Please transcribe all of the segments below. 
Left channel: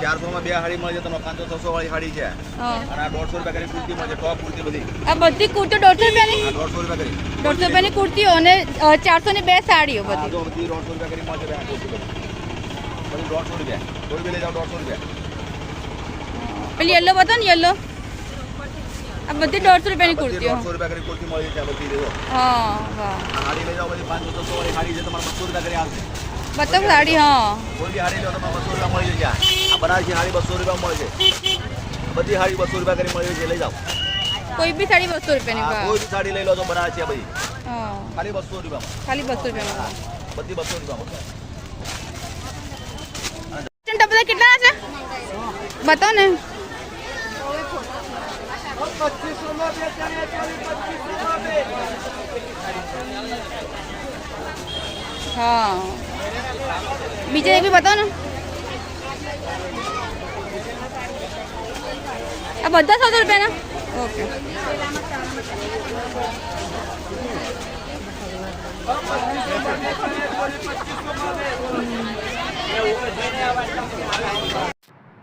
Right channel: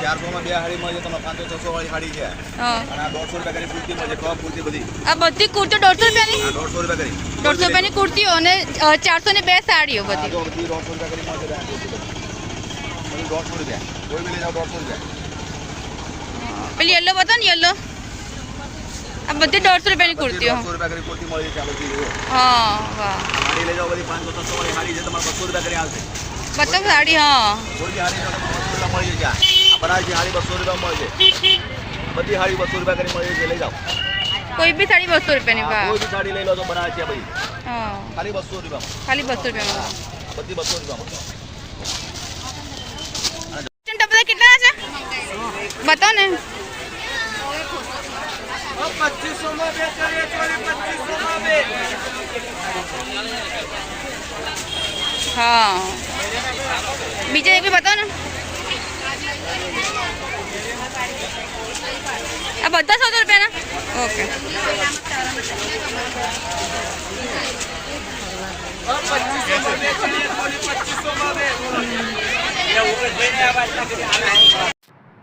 400 માં બે હાડી મળે છે તમને 500 600 વાળી હાડી છે હા અને આ 150 રૂપિયા કરી કુર્તી મળે છે ટોપ કુર્તી બધી આ બધી કુર્તીઓ 150 રૂપિયાની આ 150 રૂપિયા કરી 150 રૂપિયાની કુર્તીઓ અને 400 ની બે સાડીઓ બધી જો બધી 150 રૂપિયા કરી મળે છે આ કુર્તી બધી 150 રૂપિયા કોઈ બી લઈ જાઓ 150 રૂપિયા પેલી યલો બતા ને યલો આ બધી 150 રૂપિયાની કુર્તીઓ 150 રૂપિયા કરી કુર્તી મળે છે આ બધી લેજો હા વાહ હાડી લઈ જાઓ બધી 500 600 વાળી હાડી છે તમારે 200 રૂપિયા કરી આવશે બતાવ સાડી હા કોઈ બી હાડી લો તમારે 200 રૂપિયા મળી જાય આ બનારસી હાડી 200 રૂપિયા મળે છે બધી હાડી 200 રૂપિયા કરી મળે છે લઈ જાઓ કોઈ બી સાડી 200 રૂપિયાની હા, વાહ કોઈ બી સાડી લઈ લો તો બનારસી આ બધી હા ખાલી 200 રૂપિયામાં ખાલી 200 રૂપિયામાં બધી 200 રૂપિયામાં ટપલા કેટલા છે બતાવો ને 2500 માં બે કરીએ 2500 માં બે હા બીજા એક બી બતાવો ને આ બધા 100 રૂપિયાના ઓકે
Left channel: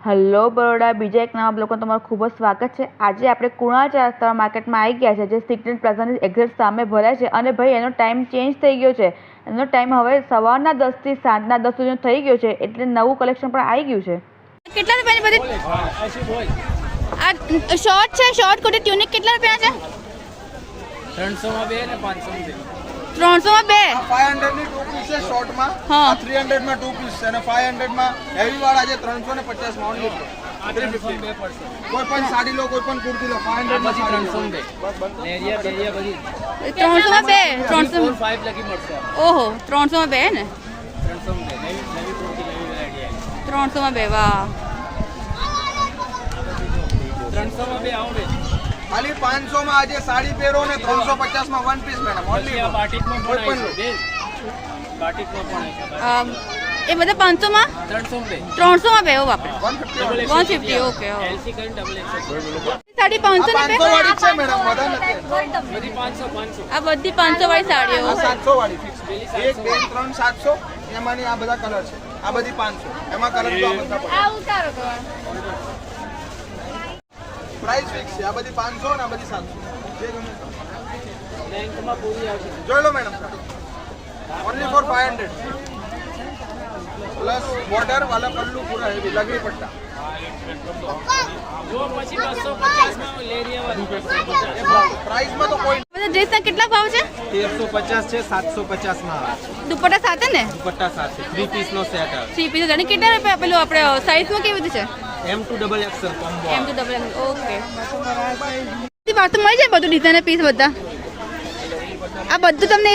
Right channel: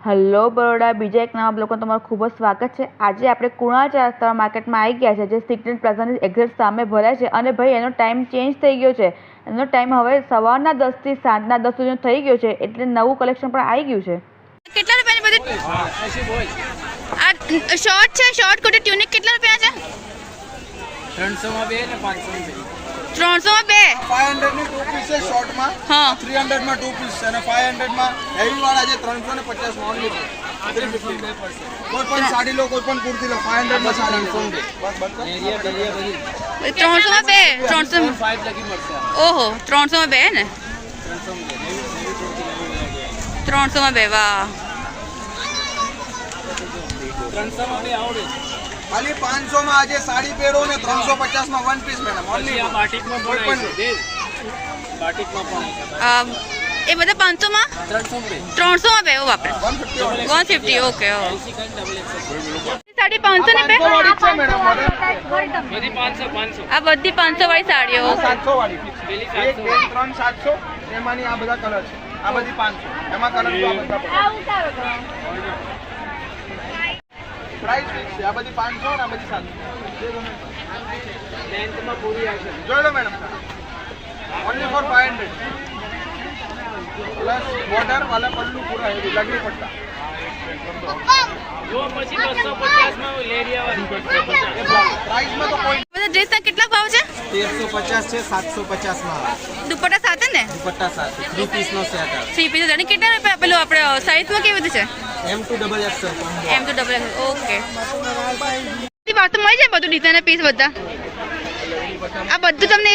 હેલો બરોડા બીજા એક નવા બ્લોગમાં તમારું ખૂબ જ સ્વાગત છે આજે આપણે કુણાલ ચાર રસ્તા માર્કેટમાં આવી ગયા છે જે સિગ્નેટ પ્લાઝાની એક્ઝેક્ટ સામે ભરાય છે અને ભાઈ એનો ટાઈમ ચેન્જ થઈ ગયો છે એનો ટાઈમ હવે સવારના 10 થી સાંજના 10 સુધીનો થઈ ગયો છે એટલે નવું કલેક્શન પણ આવી ગયું છે કેટલા રૂપિયાની બધી આ શોર્ટ છે શોર્ટ કોટી ટ્યુનિક કેટલા રૂપિયા છે 300 માં બે ને 500 માં 300 માં બે 500 ની 2 પીસ છે શોર્ટ માં હા 300 માં 2 પીસ છે અને 500 માં હેવી વાળા છે 350 માં ઓનલી 350 કોઈ પણ સાડી લો કોઈ પણ કુર્તી લો 500 માં 300 માં બે એરિયા બેરિયા બધી 300 માં બે 300 5 લગી મળશે ઓહો 300 માં બે ને 300 માં નવી કુર્તી નવી વેરાયટી 300 માં બે વાહ 300 માં બે આવડે ખાલી 500 માં આજે સાડી પહેરો ને 350 માં વન પીસ મેડમ ઓનલી આ બાટિકમાં કોઈ પણ પણ છે બાટિકમાં પણ છે એ બધા 500 માં 300 માં બે 300 માં બે ઓ બાપરે 150 150 ઓકે ઓ એસી કરી ડબલ એક્સેલ સાડી 500 ની બે 500 વાળી છે મેડમ વધારે મેરી 500 આ બધી 500 વાળી સાડીઓ 700 વાળી ફિક્સ પેલી 1 2 3 700 એમાંની આ બધા કલર છે આ બધી 500 એમાં કલર તો આ બધા પડે પ્રાઇસ ફિક્સ છે આ બધી 500 અને આ બધી 700 જે ગમે તે. લેન્થમાં પૂરી આવશે જોઈ લો madam only for 500 plus border વાला पल्लू पूरा हेवी लगनी पड़ता જો પછી 250 માં લેરિયા વાળી प्राइस में तो कोई બધા ડ્રેસના કેટલા ભાવ છે 1350 છે 750 માં દુપટ્ટા સાથે ને દુપટ્ટા સાથે 3 પીસ નો સેટ આવે 3 પીસ અને કેટલા રૂપિયા પેલું આપણે સાઈઝમાં કેવી રીતે છે M2 ડબલ XL કોમ્બો એમ તો ડબલ ઓકે વાત મળી જાય બધું ડિઝાઇનર પીસ બધા આ બધું તમને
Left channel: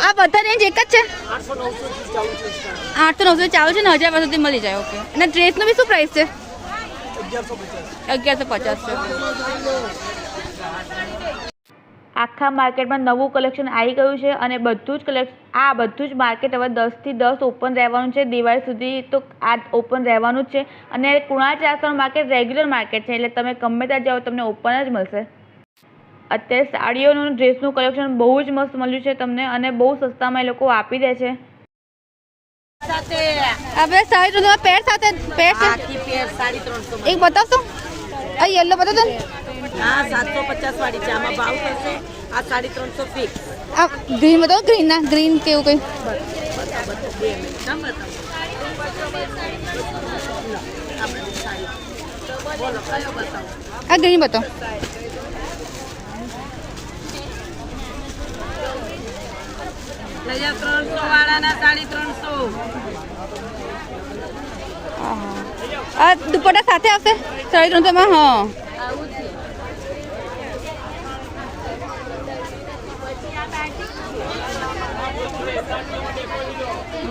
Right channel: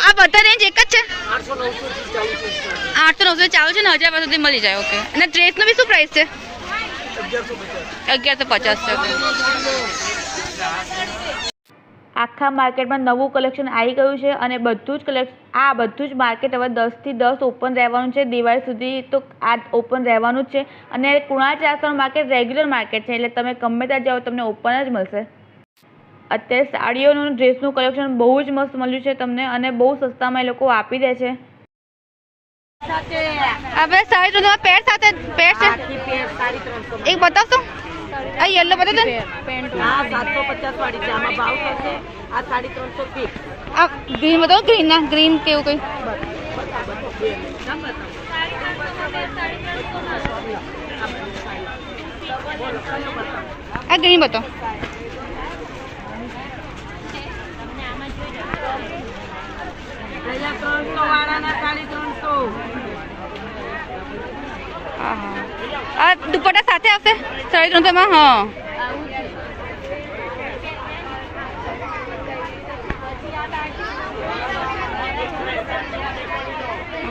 આ બધા રેન્જ એક જ છે 800 900 ચાલુ છે ને 1000 સુધી મળી જાય ઓકે અને ડ્રેસનો બી શું પ્રાઇસ છે 1150 છે આખા માર્કેટમાં નવું કલેક્શન આવી ગયું છે અને બધું જ બધું જ માર્કેટ હવે 10 થી 10 ઓપન રહેવાનું છે દિવાળી સુધી તો આ ઓપન રહેવાનું જ છે અને કુણાલ ચાર રસ્તાનું માર્કેટ રેગ્યુલર માર્કેટ છે એટલે તમે ગમે ત્યાં જાઓ તમને ઓપન જ મળશે અત્યારે સાડીઓનું ડ્રેસનું કલેક્શન બહુ જ મસ્ત મળ્યું છે તમને અને બહુ સસ્તામાં એ લોકો આપી દે છે આપણે સાડી 300 પેર સાથે પેર છે એક બતાવશો આ યલો બતાવો ને હા 750 વાળી છે આમાં ભાવ થશે આ 350 ફિક્સ આ ગ્રીન બતાવો ગ્રીન ના ગ્રીન કેવું કઈ આ ગ્રીન બતાવો 300 વાળાના 350 આ દુપટ્ટા સાથે આવશે 350 માં હા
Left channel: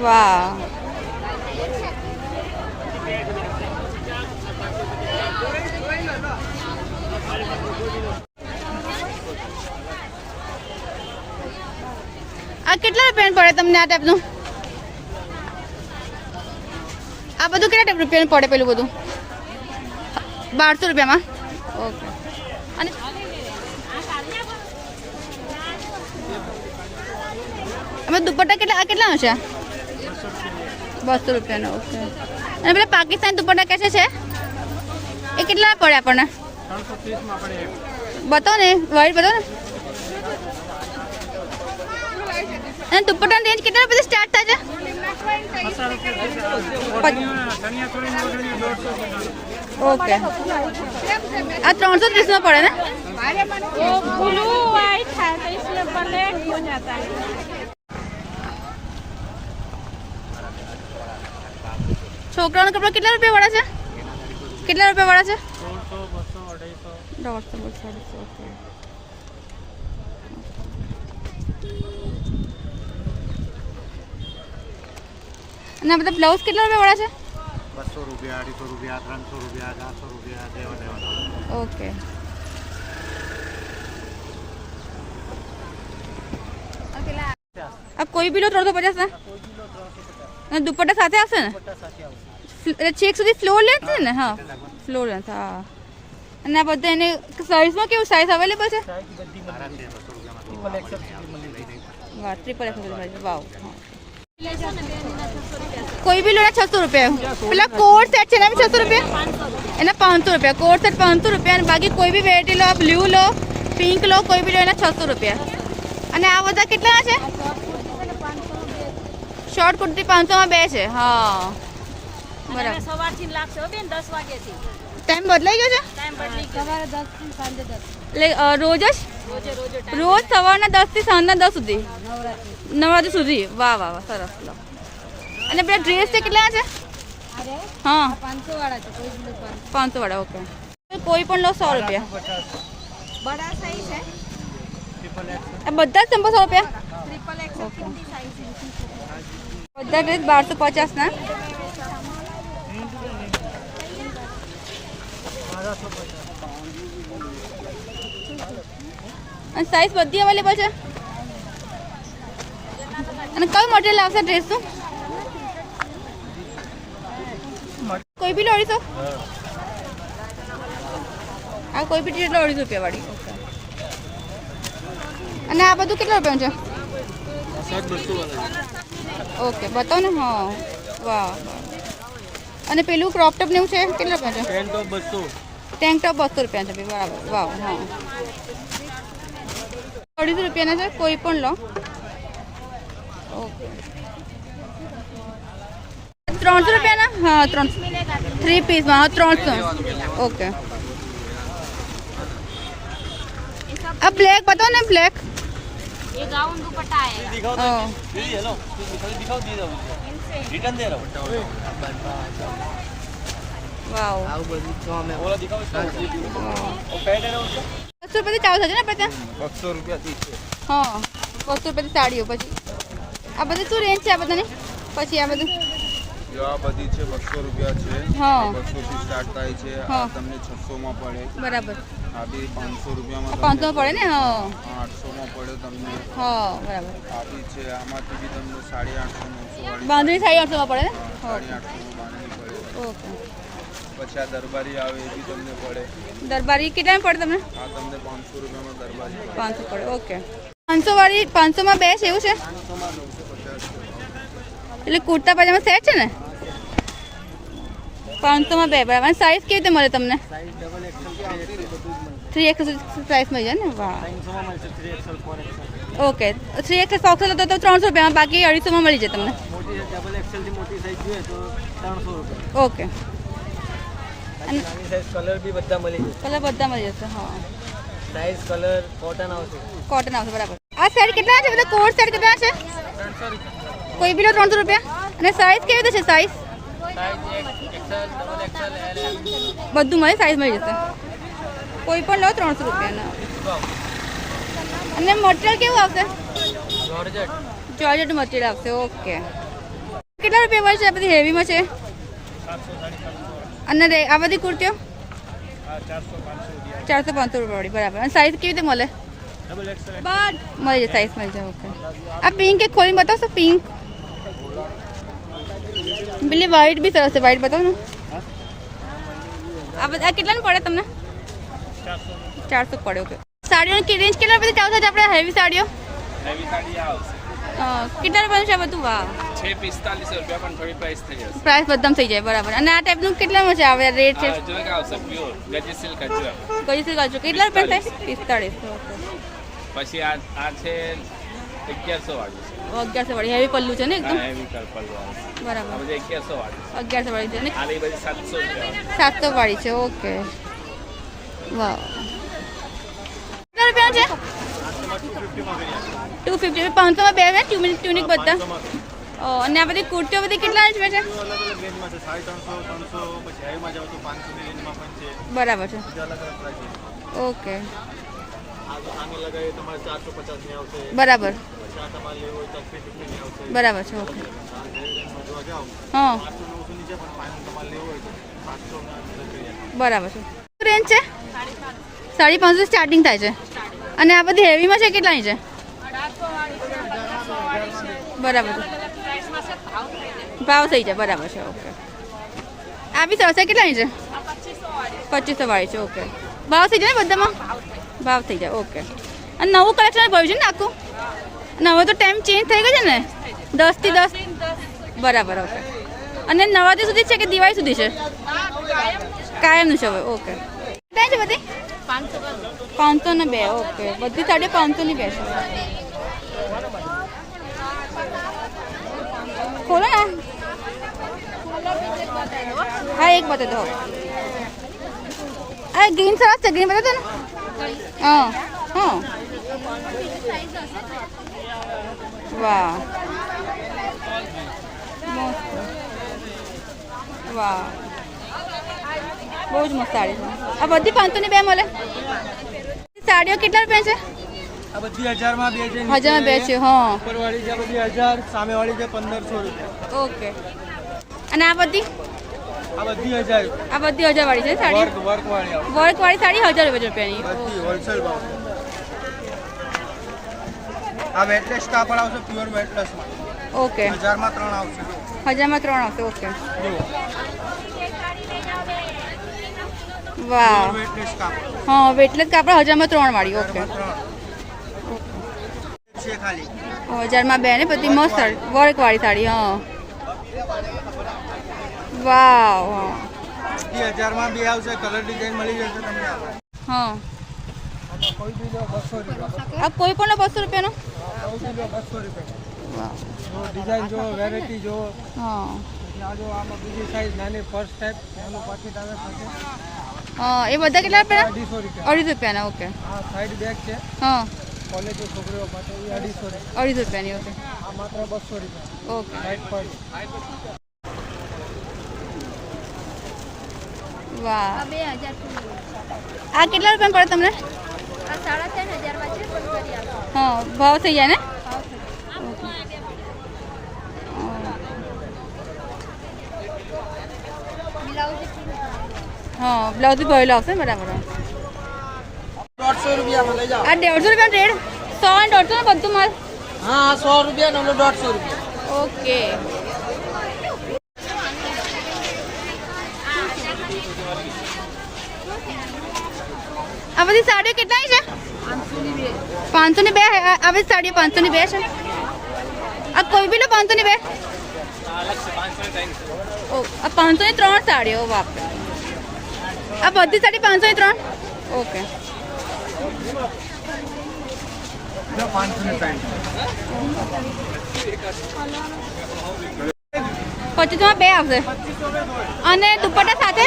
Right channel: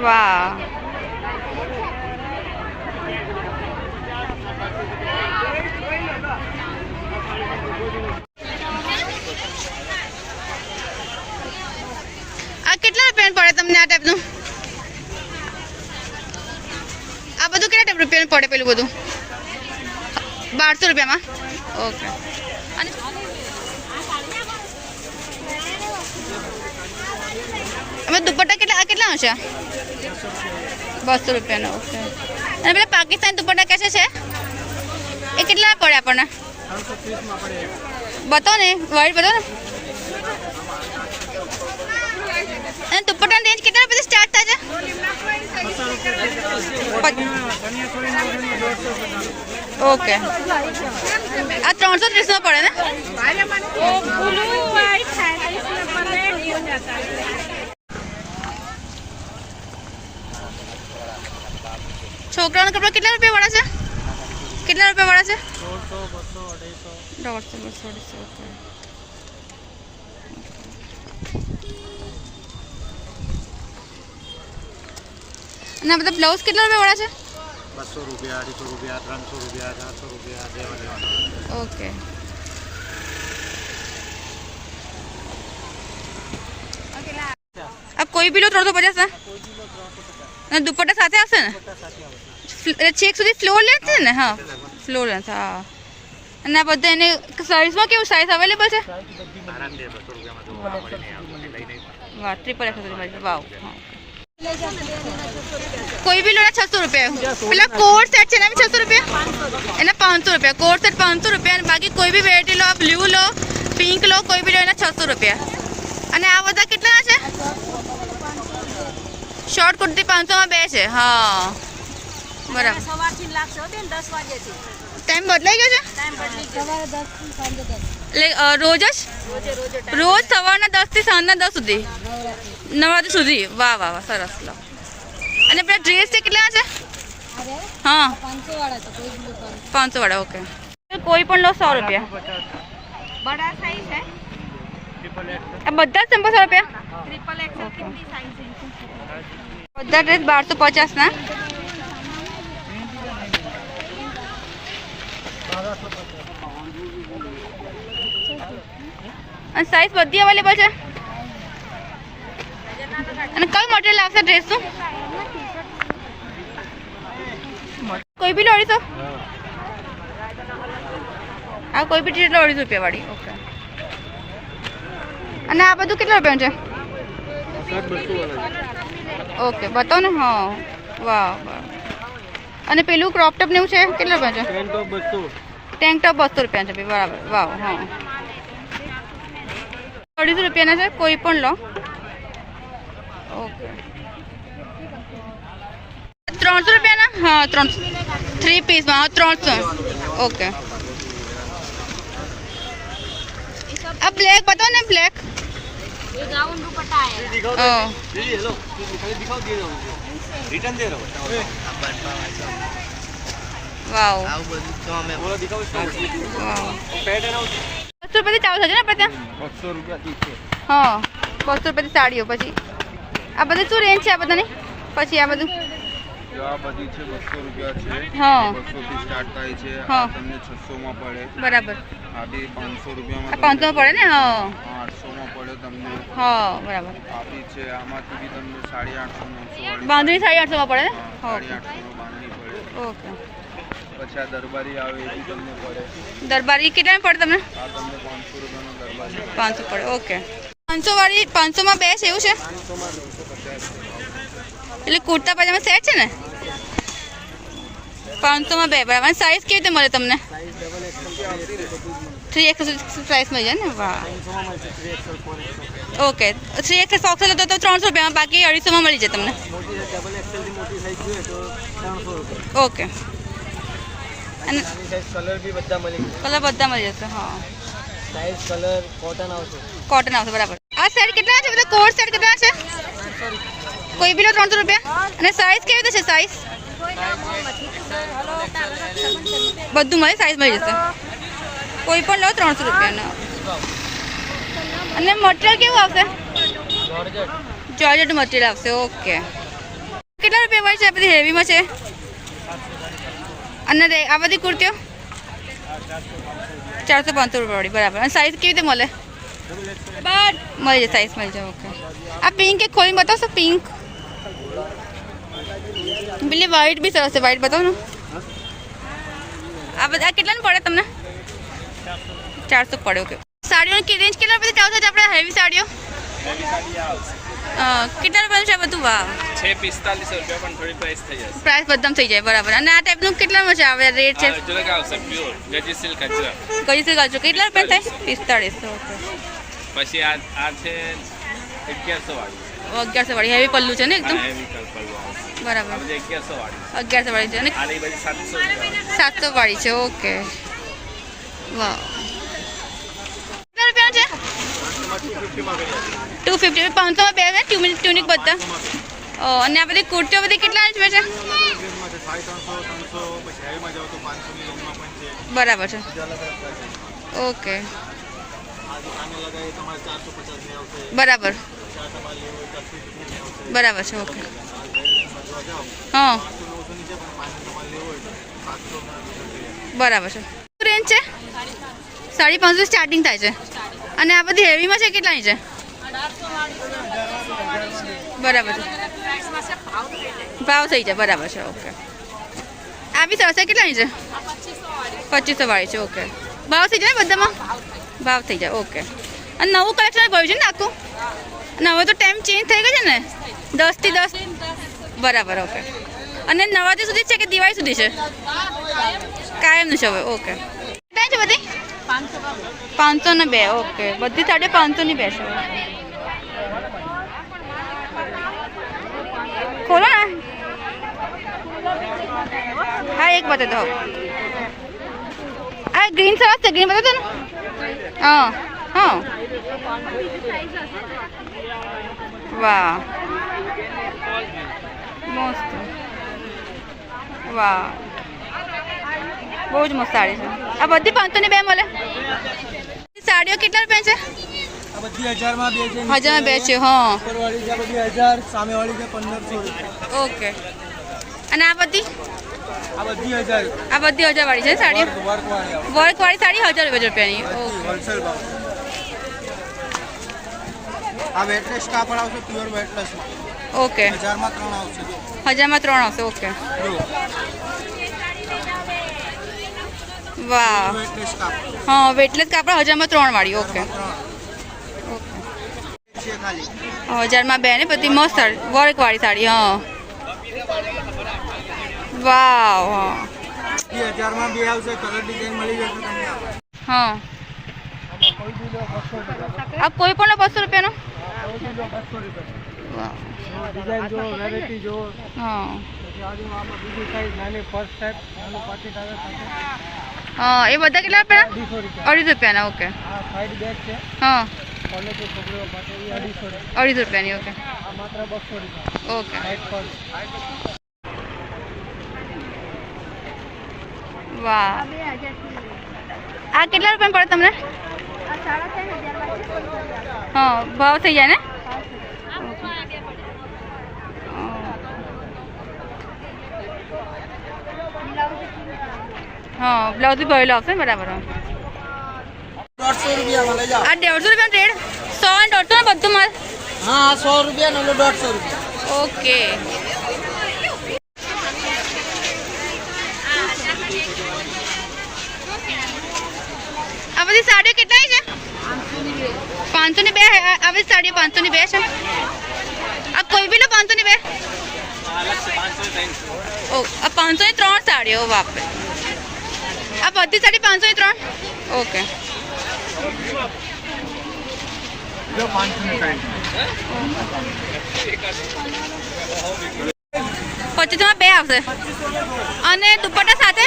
વાહ આ કેટલા રૂપિયાનું પડે તમને આ ટાઈપનું આ બધું કેટલા રૂપિયાનું પડે પેલું બધું 1200 રૂપિયામાં ઓકે અને અમે દુપટ્ટા કેટલા છે 200 રૂપિયાનો ઓકે. અને પેલા પાકિસ્તાન દુપટ્ટા કેસે છે એ કેટલા પડે આપણને? 330 માં પડે. બતાવો ને વાઈટ બતાવો ને. અને દુપટ્ટાની રેન્જ કેટલા રૂપિયાથી સ્ટાર્ટ થાય છે? 150 ઓકે. આ 330 માં પડે ને? છોકરાઓના કપડા કેટલા રૂપિયા વાળા છે? કેટલા રૂપિયા વાળા છે? 100, 200, 250. 150, 200, 250 ઓકે. અને આ બધા બ્લાઉઝ કેટલા રૂપિયા વાળા છે? 200 રૂપિયા, 250 રૂપિયા, 300 રૂપિયા, 400 રૂપિયા, દેવા. ઓકે. अब कोई भी लो 350 ना? અને દુપટ્ટા સાથે આવશે ને? છેક સુધી ફ્લોર લેન્થ છે ને? હા ફ્લોર લેન્થ. હા. અને આ બધા એને સાઇઝમાં કેવું સાઇઝ અવેલેબલ છે? વાહ ટ્રિપલ એક્સ સુધી મળી. વાવ. હા કોઈ બી લો ને 600 રૂપિયા. પેલા કોટ સેટ છે ને 600 રૂપિયા, એના 500 રૂપિયા. કોટ સેટ 500 રૂપિયા અને બાકી કોઈ બી વેરાયટી લો, બ્લુ લો, પિંક લો, કોઈ બી લો એના 600 રૂપિયા. અને આ બધા કેટલા છે? શોર્ટ કુર્તી 500 માં 2 છે. હા બરાબર. ટાઈમ બદલાઈ ગયો છે એટલે રોજ જ રોજ સવારના 10 થી સાંજના 10 સુધી, નવરાત્રી સુધી. વાહ વાહ વાહ સરસ. લો. અને પેલા ડ્રેસ છે કેટલા છે? હા 500 વાળા છે. 500 વાળા ઓકે. કોઈ પણ લો 100 રૂપિયા. આ બધા જ 100 રૂપિયા. બધા ડ્રેસ 1250 ના. અને સાઈઝ બધી અવેલેબલ છે. અને કયું મટીરિયલ આવશે ડ્રેસનું? કોઈ બી 250. આ કોઈ બી ડ્રેસ 250 રૂપિયા વાળી. ઓકે. અને આ બધું કેટલા રૂપિયા છે? ઓકે બતાવો ને. હા વાહ વાહ. અને પેલું ક્રોપ ટોપ ને એવું છે કેટલા રૂપિયા છે? ટેન્ક ટોપ 200 રૂપિયા છે. બરાબર. વાવ. હા 250 રૂપિયાના છે. કોઈ પણ લો. ઓકે 300 રૂપિયાના. હા 300 3 પીસમાં. હા 300 ઓકે. આ બ્લેક બતાવો ને. બ્લેક ये गाउन दुपट्टा है। વાવ. વાવ 200 રૂપિયાથી ચાલુ થશે ને આપણે ત્યાં? 200 રૂપિયાથી છે. હા 200 રૂપિયાથી સાડીઓ. પછી આ બધી શું રેન્જ છે આ બધાની? પછી આ બધું જો આ બધી છે 200 રૂપિયા છે. હા 200 થી સ્ટાર્ટ થાય છે. હા. આ તમને 600 માં પડે. બરાબર. આ બી 500 રૂપિયામાં 500 પડે ને? હા 800 માં પડે તમને. હા બરાબર. આ બી છે. આમાંથી બી તમને 850 900 વાળી બાંધણી 850 માં પડે ને? હા 850 બાંધણી પડે. ઓકે. પછી આ દરબારી આવે એ બી તમને પડે. દરબારી કેટલામાં પડે તમને? આ તમને 500 રૂપિયામાં દરબારી પડે. 500 પડે. ઓકે. 500 વાળી 500 માં 2 છે એવું છે? એટલે કુર્તા પાજામા સેટ છે ને? 500 માં 2 બરાબર. સાઈઝ કેવી રીતે મળે તમને? 3XL સાઈઝ મળી જાય ને? વાહ. ઓકે 3XL સોક્સ લો તો 300 રૂપિયામાં, બાકી 250 માં મળી જાય તમને. ઓકે. અને કલર બી બધા મળી જશે. કલર બધા મળી જશે. હા સાઈઝ કલર કોટન આવશે. કોટન આવશે બરાબર. આ સેટ કેટલા છે? બધા કોટ સેટ કેટલા છે? કોઈ બી લો 300 રૂપિયા. અને સાઈઝ કેવી રીતે છે? સાઈઝ બધું મળે. સાઈઝ મળી જશે. કોઈ પણ લો 300 રૂપિયાનો. અને મટીરિયલ કેવું આવશે? જોર્જેટ મટીરિયલ આવશે. ઓકે. કેટલા રૂપિયા વાળી છે? આ બધી હેવીમાં છે. અને આ બધી કુર્તીઓ 400-500 રૂપિયા વાળી બરાબર. અને સાઈઝ કેવી રીતે મળે? મળી જાય. સાઈઝ મળી જાય. ઓકે. આ પિંક એક ખોલીને બતાવશો? પિંક પેલી વ્હાઈટ બી સરસ છે. વ્હાઈટ બતાવો ને. આ બધા કેટલાનું પડે તમને? 400 પડે. ઓકે. સાડીઓની રેન્જ કેટલા રૂપિયાથી ચાલુ થાય છે આપણે? હેવી સાડીઓ કેટલા રૂપિયાનું છે બધું? વાહ 645 રૂપિયા પણ થોડી પ્રાઇસ થઈ જશે. પ્રાઇસ બધામાં થઈ જાય બરાબર. અને આ ટાઈપનું કેટલામાં છે આવે રેટ છે? અજરક આવશે પ્યોર ગજી સિલ્ક અજરક. કઈ સિલ્ક આવશે કેટલા રૂપિયા થાય? 4500. ઓકે. પછી આ છે 1100 વાળી. 1100 વાળી હેવી પલ્લું છે ને એકદમ હેવી કલર વાળી. બરાબર. આ બધી 1100 વાળી. 1100 વાળી છે અને આ બધી 700 રૂપિયા વાળી. 700 વાળી છે. ઓકે. વાહ. કેટલા રૂપિયા છે? 250. 500 માં બે ને ટ્યુનિક બધા. અને આ બધી કુર્તીઓ બધી કેટલા છે? અલગ અલગ રેન્જમાં છે 350 300 પછી હેવીમાં જાવ તો 500 ની રેન્જમાં પણ છે. બરાબર છે. અલગ અલગ પ્રાઇસ છે. ઓકે. આને લગાવીએ તમારે 450 ની આવશે. બરાબર. પછી આ તમારે લેવું હોય તો 80 રૂપિયાની આવશે. બરાબર છે. ઓકે. જોવા જાઓ હા 800 900 ની છે પણ ફાઇનલ તમારે લેવું હોય તો 700 ના અંદર કરી આપો. બરાબર છે. શું રેન્જ છે? 550 સ્ટાર્ટિંગ થાય છે. અને આ બધી હેવીમાં છે કેટલાની છે? બરાબર છે. ભાવ થઈ જાય બરાબર છે. ઓકે. આ બી સરસ છે કેટલાની છે? 2500 વાળી છે. ઓકે. ભાવ થઈ જાય ને બધામાં? ભાવ થઈ જાય. ઓકે. અને નવું કલેક્શન ભર્યું છે ને આખું? અને હવે તો ટાઈમ ચેન્જ થઈ ગયો છે ને 10 થી 10. બરાબર. ઓકે. અને નવરાત્રી સુધી છે કે દિવાળી સુધી છે? કાયમનું છે હવે. ઓકે. કેટલા છે બધી? 500 ને 2. ઓકે. બધી સાડી 500 ની 2 છે. ખોલો ને. હા એક બતાવી દો. આ ગ્રીન સરસ છે. ગ્રીન બતાવો ને. હા હા. વાહ મસ્ત. વાહ બહુ જ મસ્ત સાડી છે. આ બધી 500 ની 2 મળે. સાડીઓ કેટલા રૂપિયા છે? આ બધી 1000 માં 2 છે. 1000 માં 2 છે. હા. ઉપરવાળી છે બધી 1000, સામેવાળી છે 1500 રૂપિયા. ઓકે. અને આ બધી? આ બધી 1000. આ બધી 1000 વાળી છે સાડી. વર્ક વાળી આવે. વર્ક વાળી સાડી 1000 રૂપિયાની. હોલસેલ ભાવ. આ વેટલેસ કાપડ આવશે પ્યોર વેટલેસ માં. ઓકે. 1000 માં 3 આવશે જો. 1000 માં 3 આવશે. ઓકે. જો વાહ. વેટલેસ કાપડ. હા વેટલેસ કાપડ 1000 માં 3 વાળી. ઓકે. 3 ઓકે. છે ખાલી. 1000 માં 2 ને બધી મસ્ત વર્ક વાળી સાડી. હા વાવ. હા 1000 માં 2 આવશે. કલર ડિઝાઇન મળી જશે તમને. હા કોઈ બી લો 200 રૂપિયા. આ કોઈ પણ 200 રૂપિયાનો? કોઈ બી લો 200 રૂપિયા. વાહ. જો ડિઝાઇન જો વેરાયટી જો. હા પછી આ જો આમાં બીજી સાઈઝ નાની પર્સ ટાઈપ નાનું પાકીટ આવે સાથે. હા એ બધા કેટલા રૂપિયા? 250 250 રૂપિયા. રૂપિયાના. ઓકે. આ સાઈડ બેગ છે હા કોલેજની છોકરીઓ માટે એ 250 રૂપિયા. 250 રૂપિયાની. ઓકે. આ માત્ર 200 રૂપિયા. ઓકે. Side purse. વાહ. આ કેટલા રૂપિયા પડે તમને? હા ભાવ થઈ જાય ને? હા બ્લાઉઝ બી ભરેલો આવશે ને? બરાબર. 150 રૂપિયામાં લઈ જાઓ. આ 150 રૂપિયા રેડ 100 અને 150 ને બધું માલ? હા 100 રૂપિયા ને 150 રૂપિયા. ઓકે. આ બધી સાડીઓ કેટલાની છે? 500 ની 2. આ બધી સાડીઓ 500 ની 2 છે. આ કોઈ બી લો 500 ની 2. ઓ આ 500 ની 3 સાડીઓ. બાપરે. આ બધી સાડી 500 ની 3. ઓકે. જો 500 ની સાઈડ. 2500 માં 2 આવશે. અને દુપટ્ટા સાથે?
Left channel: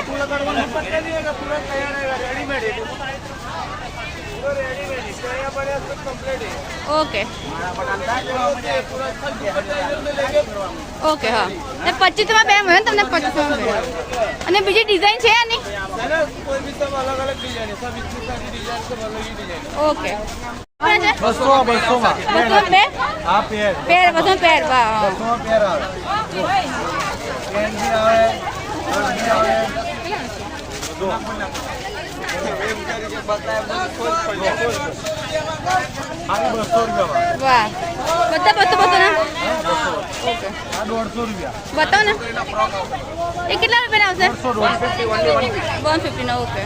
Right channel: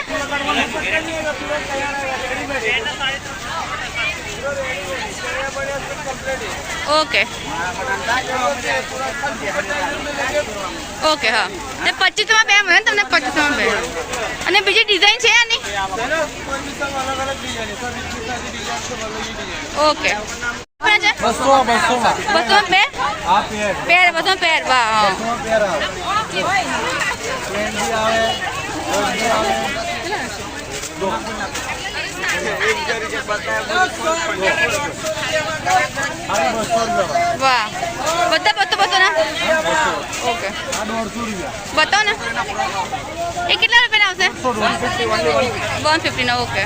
ઓકે. ઓકે હા. ને 2500 માં 2 મળે ને તમને? 2500 માં 2. અને બીજી ડિઝાઇન છે આની? અલગ અલગ ડિઝાઇન છે. 20 ડિઝાઇન છે અલગ ડિઝાઇન. ઓકે. 200 માં 200 માં 2? આ પેર. પેર 200 માં પેર. વાહ. 200 માં પેર આવે. પ્લેન બી આવે. ગોલ્ડ બી આવે. જો આની 200 રૂપિયા. વાહ. બધા 200 ના? 200. ઓકે. આ 150 રૂપિયા. બતાવો ને. એ કેટલા રૂપિયાના આવશે? 150. 150 ના. ઓકે.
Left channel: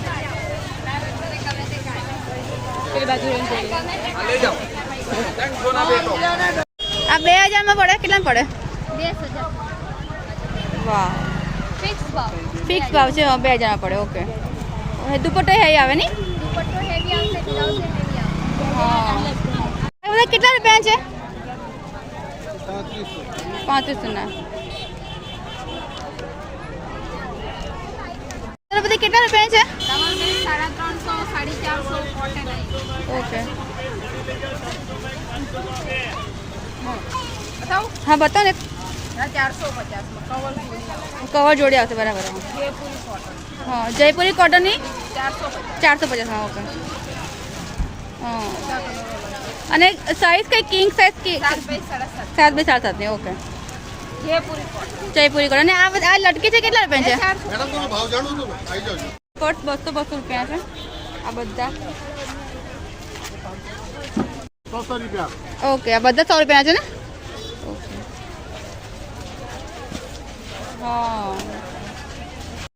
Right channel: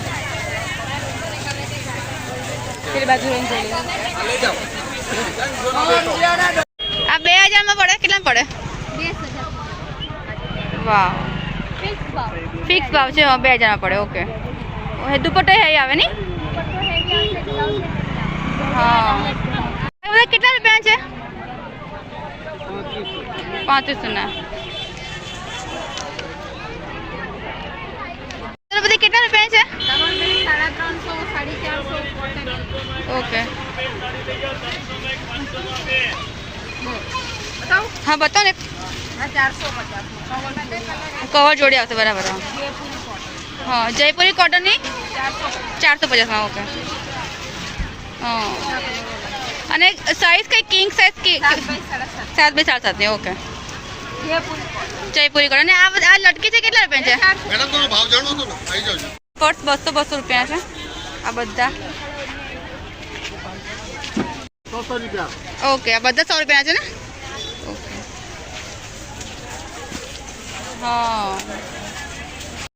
આ લઈ જાઓ. આ 2000 માં પડે? કેટલા પડે? વાવ ફિક્સ ભાવ છે 2000 પડે. ઓકે. દુપટ્ટો હેવી આવે ને? હા. બધા કેટલા રૂપિયા છે? 3500 બધી કેટલા રૂપિયા છે? 350, 450. ઓકે. હા બતાવો ને. 450 કવર જોડી આવશે. બરાબર. હા જયપુરી કોટનની 450. ઓકે. હા અને સાઈઝ કઈ કિંગ સાઈઝ કે 7 બાય 7 ઓકે. જયપુરી કોટન. અને આ લટકી છે કેટલા રૂપિયા છે? મેડમ તમે ભાવ જાણો તો આવી જાવ. પર્સ 200 રૂપિયા છે આ બધા. 100 રૂપિયા. ઓકે આ બધા 100 રૂપિયા છે ને? ઓકે. હા